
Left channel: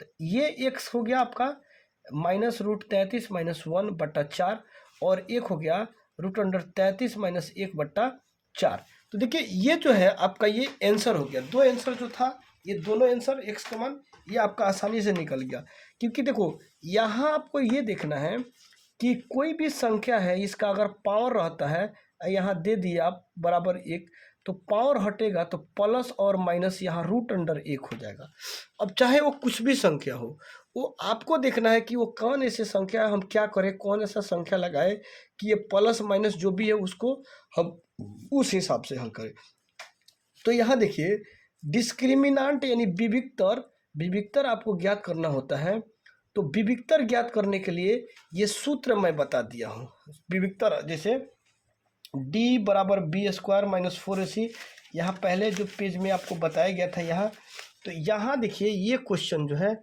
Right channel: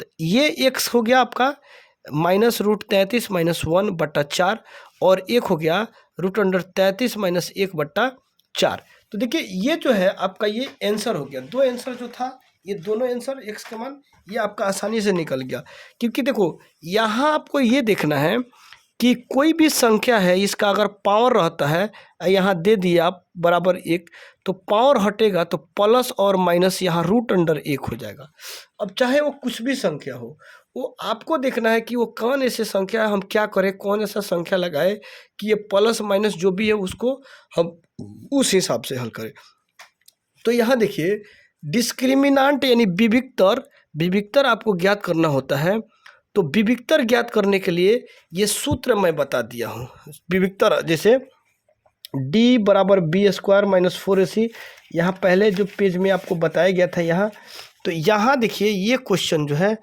तो ये x हो गया आपका -√33 - 1/4, और एक हो गया √33 - 1/4। तो देखिए ये जो है आपका ये आंसर हो गया, दो आंसर जो था, ये दोनों आंसर x का मान ये आपका आसानी से निकल गया। क्योंकि देखो यहाँ आपको ये देखना है कि कोई भी संख्या है, इसका अगर पावर रहता है, यहाँ दे दिया आप बराबर 1, तो पावर हटेगा तो प्लस और माइनस यहाँ √1 हो जाएगा। अब चाहे वो कुछ भी संख्या हो, वो आपको देखना है कि वो कौन ऐसे संख्या है, हम क्या करें, कौन ऐसा संख्या लगाए कि ये प्लस माइनस जो भी है उसको हम उस हिसाब से हल करें। तो यहाँ देखिए डिस्क्रिमिनांट यानी विविक्तर, विविक्तर आपको ज्ञात करना होता है। तो विविक्तर ज्ञात करने के लिए ये सूत्र मैं बता दिया हूँ। विविक्तर जैसे d बराबर बी स्क्वायर माइनस 4ac, यहाँ पहले जो पेज में आपको बताया गया था यहाँ। तो यहाँ देखिए ये क्वेश्चन जो है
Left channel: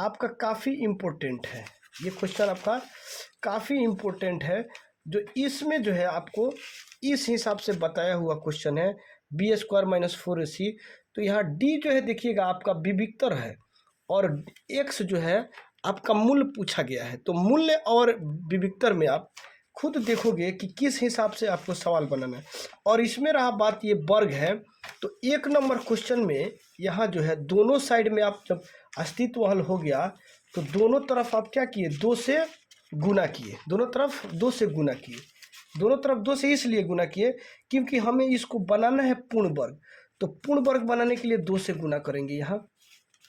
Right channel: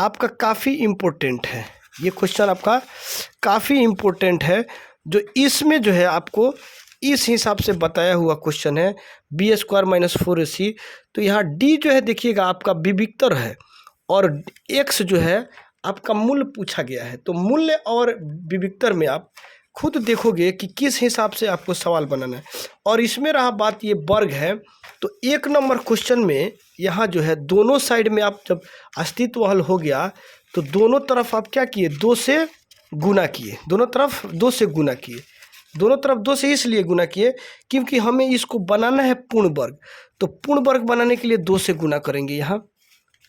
आपका काफ़ी इम्पोर्टेंट है, ये क्वेश्चन आपका काफ़ी इम्पोर्टेंट है, जो इसमें जो है आपको इस हिसाब से बताया हुआ क्वेश्चन है बी स्क्वायर माइनस 4ac। तो यहाँ d जो है देखिएगा आपका विविक्तर है और x जो है आपका मूल्य पूछा गया है। तो मूल्य और विविक्तर में आप खुद देखोगे कि किस हिसाब से आपको सवाल बनाना है। और इसमें रहा बात ये वर्ग है, तो 1 नंबर क्वेश्चन में यहाँ जो है दोनों साइड में आप जब अस्तित्व हल हो गया तो दोनों तरफ आप क्या किए, 2 से गुना किए, दोनों तरफ 2 से गुना किए, दोनों तरफ 2 से इसलिए गुना किए क्योंकि हमें इसको बनाना है पूर्ण वर्ग। तो पूर्ण वर्ग बनाने के लिए 2 से गुना करेंगे यहाँ,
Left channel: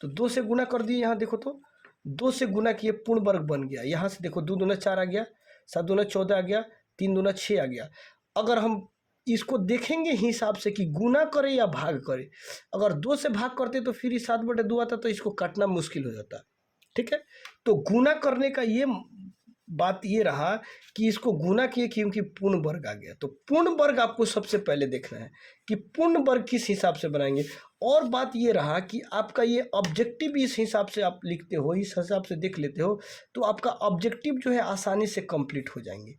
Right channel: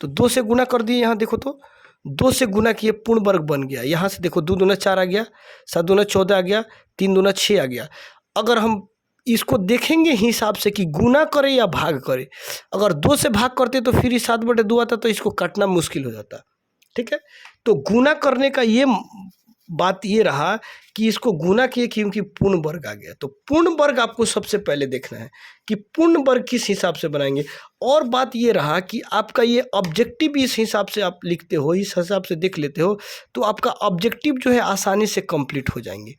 तो 2 से गुना कर दिए, यहाँ देखो तो 2 से गुना किए पूर्ण वर्ग बन गया। यहाँ से देखो 2 दूना 4 आ गया, 7 दूना 14 आ गया, 3 दूना 6 आ गया। अगर हम इसको देखेंगे हिसाब से कि गुना करें या भाग करें, अगर 2 से भाग करते तो फिर 7/2 आता, तो इसको काटना मुश्किल हो जाता। ठीक है, तो गुना करने का ये बात ये रहा कि इसको गुना किए क्योंकि पूर्ण वर्ग आ गया। तो पूर्ण वर्ग आपको सबसे पहले देखना है कि पूर्ण वर्ग किस हिसाब से बनाएंगे। और बात ये रहा कि आपका ये ऑब्जेक्टिव इस हिसाब से आप लिखते हो, इस हिसाब से देख लेते हो, तो आपका ऑब्जेक्टिव जो है आसानी से कंप्लीट हो जाएंगे।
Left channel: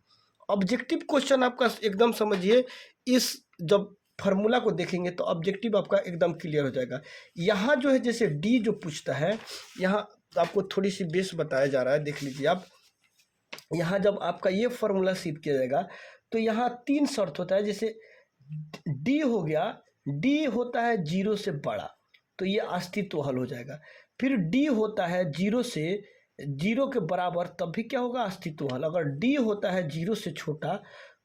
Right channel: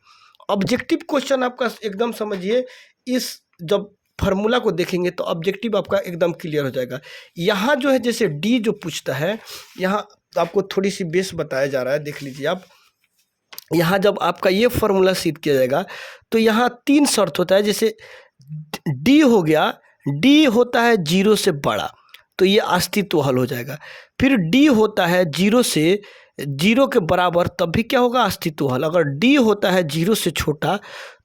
ऑब्जेक्टिव क्वेश्चन आपका एकदम समझिए, इस जब फार्मूला को देखेंगे तो ऑब्जेक्टिव आपका एकदम क्लियर हो जाएगा। यहाँ जो है जैसे डी जो पूछता है, यहाँ आपको थोड़ी सी बेस बताया जा रहा है, देख लीजिए आप। यहाँ जब आपका ये फार्मूला सिद्ध किया जाएगा तो यहाँ 3 शर्त होता है। जैसे डी हो गया, डी होता है 0 से बड़ा, तो ये अस्तित्व हल हो जाएगा। फिर डी होता है 0 से 0 के बराबर, तब भी क्या होगा, अस्तित्व हल। अगर डी होता है 0 से छोटा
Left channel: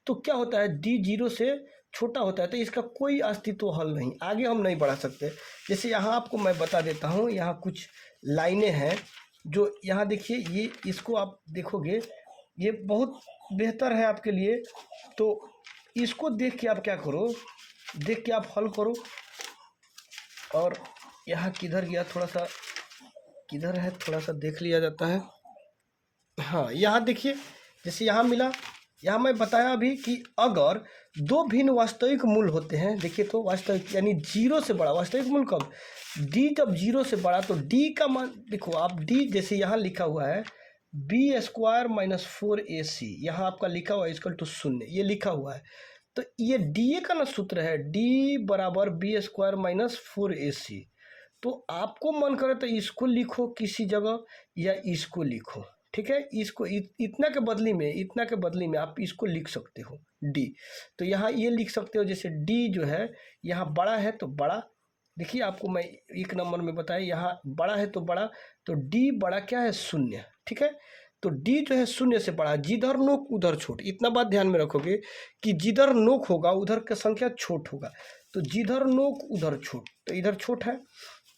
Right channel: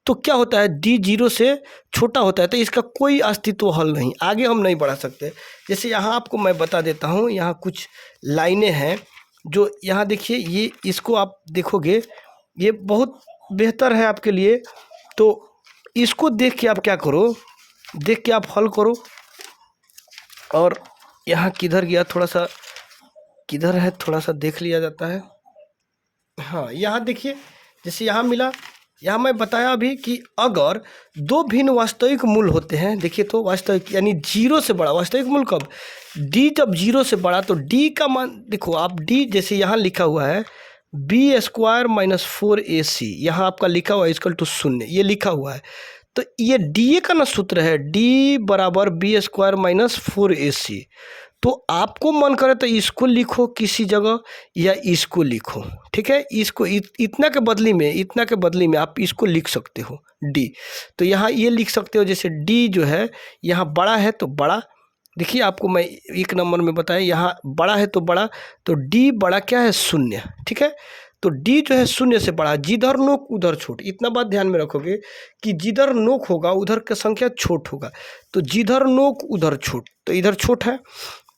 तो क्या होता है, डी 0 से छोटा होता है, तो इसका कोई अस्तित्व हल नहीं, आगे हम नहीं बढ़ा सकते। जैसे यहाँ आपको मैं बता देता हूँ, यहाँ कुछ लाइनें हैं जो यहाँ देखिए, ये इसको आप देखोगे ये बहुत बेहतर है आपके लिए। तो इसको देख के आप क्या करो, देख के आप हल करो। और यहाँ किधर गया, थोड़ा सा किधर है, थोड़ा सा देख लिया जाता है। हाँ, यहाँ देखिए जैसे यहाँ मिला, यहाँ मैं बताया अभी कि अगर 2 भिन्न वास्तविक मूल होते हैं, देखिए तो वास्तविक यानी 0 से बड़ा वास्तविक मूल कब, d जब 0 से बड़ा, तो d का मान देखो आप, d जैसे यहाँ लिखा हुआ है बी स्क्वायर माइनस 4ac, यहाँ आपका लिखा हुआ है इक्वल टू 0, ये लिखा हुआ है। तो ये डी का ना सूत्र है, d बराबर बी स्क्वायर माइनस 4ac। तो आपको मन करे तो इसको लिखो किसी जगह या इसको लिखो, ठीक है। इसको इतना के बदली में, इतना के बदली में आप इसको लिख सकते हो डी। तो यहाँ ये लिख सकते हो, जैसे डी जो है यहाँ बड़ा है तो बड़ा, देखिए आपको मैं 1 नंबर में बताया, यहाँ बड़ा है तो बड़ा, तो डी बड़ा क्या है, 0, ठीक है। तो डी जो है 0 से बड़ा, जिधर नोक उधर छोट, इतना बात ध्यान में रखोगे कि जिधर नोक होगा उधर का संख्या छोट होगा। तो जिधर नोक उधर छोट, तो इधर छोट है।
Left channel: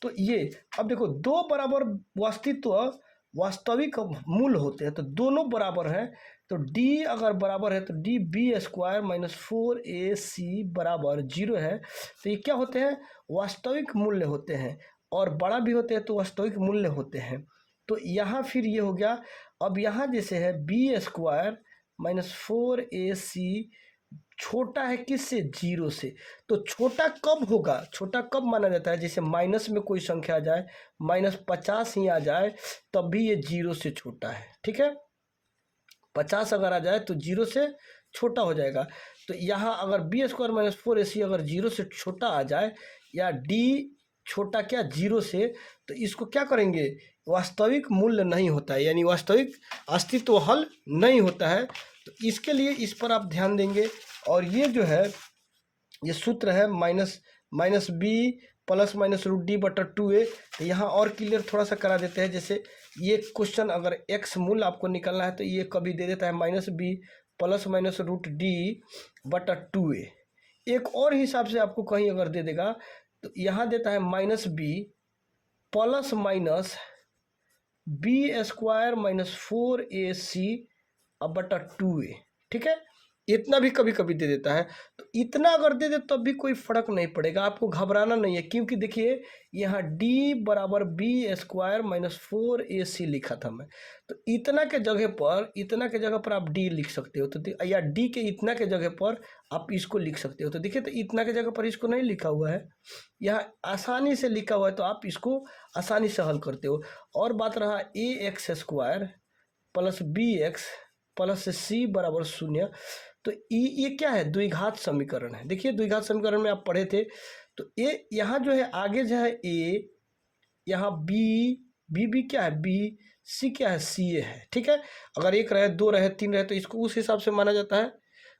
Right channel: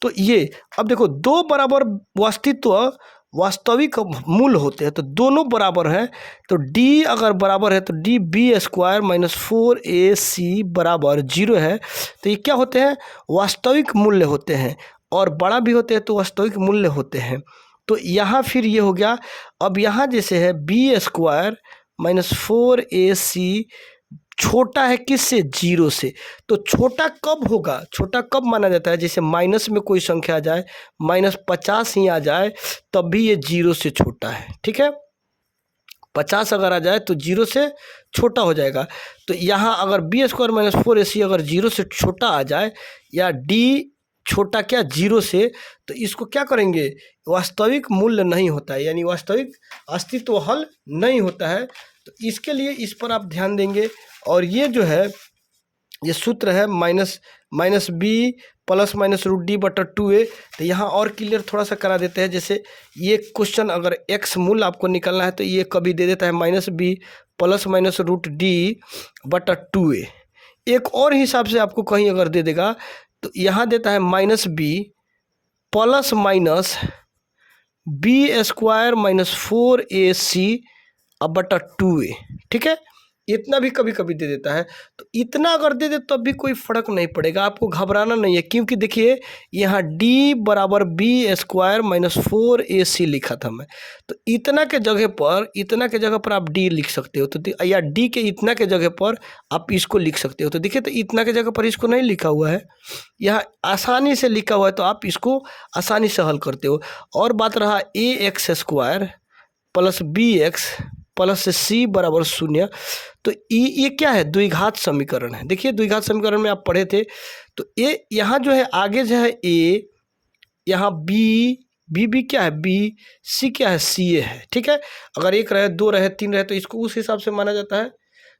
तो ये अब देखो 2 बराबर वास्तविक मूल होते हैं, तो दोनों बराबर हैं। तो d अगर बराबर है तो d B square minus 4ac बराबर 0 है। तो ये क्या होते हैं, वास्तविक मूल्य होते हैं, और बड़ा भी होते हैं तो वास्तविक मूल्य होते हैं। तो यहाँ फिर ये हो गया। अब यहाँ जैसे है बी स्क्वायर माइनस 4ac छोटा है किससे, 0 से। तो छोटा कब होगा, छोटा कब माना जाता है, जैसे माइनस में कोई संख्या आ जाए, -50 ही आ जाए, तब भी ये 0 से छोटा है, ठीक है। 50 अगर आ जाए तो 0 से छोटा हो जाएगा। तो यहाँ अगर बी स्क्वायर माइनस 4ac अगर 0 से छोटा आ जाए, या डी छोटा क्या 0 से, तो इसको क्या करेंगे, वास्तविक मूल्य नहीं होता है, यानी वास्तविक अस्तित्व हल नहीं होता है। तो इसके लिए इस पर आप ध्यान देंगे। और ये जो है ये सूत्र है minus B plus minus root D बटा 2a। तो यहाँ और क्लियर थोड़ा सा करा देते हैं। जैसे ये क्वेश्चन अगर x मूल आपको निकालना है तो ये कभी दे देता है -b plus minus root D बटा 2a। एक और हिसाब से आपको कहीं अगर दे देगा तो यहाँ देता है -b plus minus b² minus 4ac अब बटा 2a, ठीक है। इतना भी कभी कभी दे देता है, तो इतना अगर दे दे तब भी कोई फर्क नहीं पड़ेगा, आपको घबराना नहीं है, क्योंकि देखिए यहाँ d बराबर b² माइनस 4ac लिखा था मैं, तो इतना के जगह पर आप d लिख सकते हो, तो या d के इतना के जगह पर आप इसको लिख सकते हो। तो देखिए, तो इतना के जगह पर इसको नहीं लिखा हुआ है, यहाँ आसानी से लिखा हुआ है, तो आप इसको आसानी से हल करते हो। और बात रहा ax² plus bx plus c बराबर 0, तो ये क्या है, द्विघात समीकरण है। देखिए द्विघात समीकरण में आप पढ़े थे, तो ए यहाँ जो है आगे जो है ए, यहाँ बी क्या है, बी, सी क्या है, सी ए है, ठीक है। अगर 1 रहे, 2 रहे, 3 रहे, तो इसको उस हिसाब से माना जाता है।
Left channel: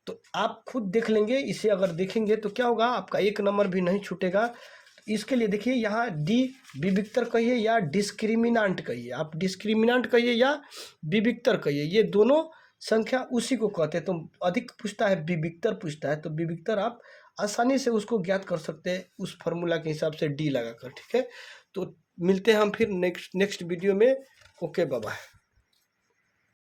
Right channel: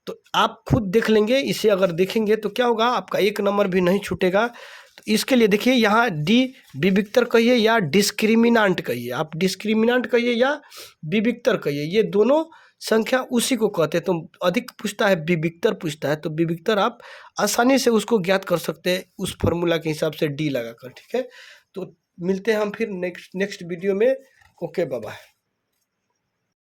तो आप खुद देख लेंगे, इसे अगर देखेंगे तो क्या होगा, आपका 1 नंबर भी नहीं छूटेगा। तो इसके लिए देखिए यहाँ डी विविक्तर कहिए या डिस्क्रिमिनांट कहिए, आप डिस्क्रिमिनांट कहिए या विविक्तर कहिए, ये दोनों संख्या उसी को कहते हैं। तो अधिक पूछता है विविक्तर पूछता है, तो विविक्तर आप आसानी से उसको ज्ञात कर सकते हैं उस फॉर्मूला के हिसाब से डी लगाकर, ठीक है। तो मिलते हैं हम फिर नेक्स्ट वीडियो में। Okay, bye bye.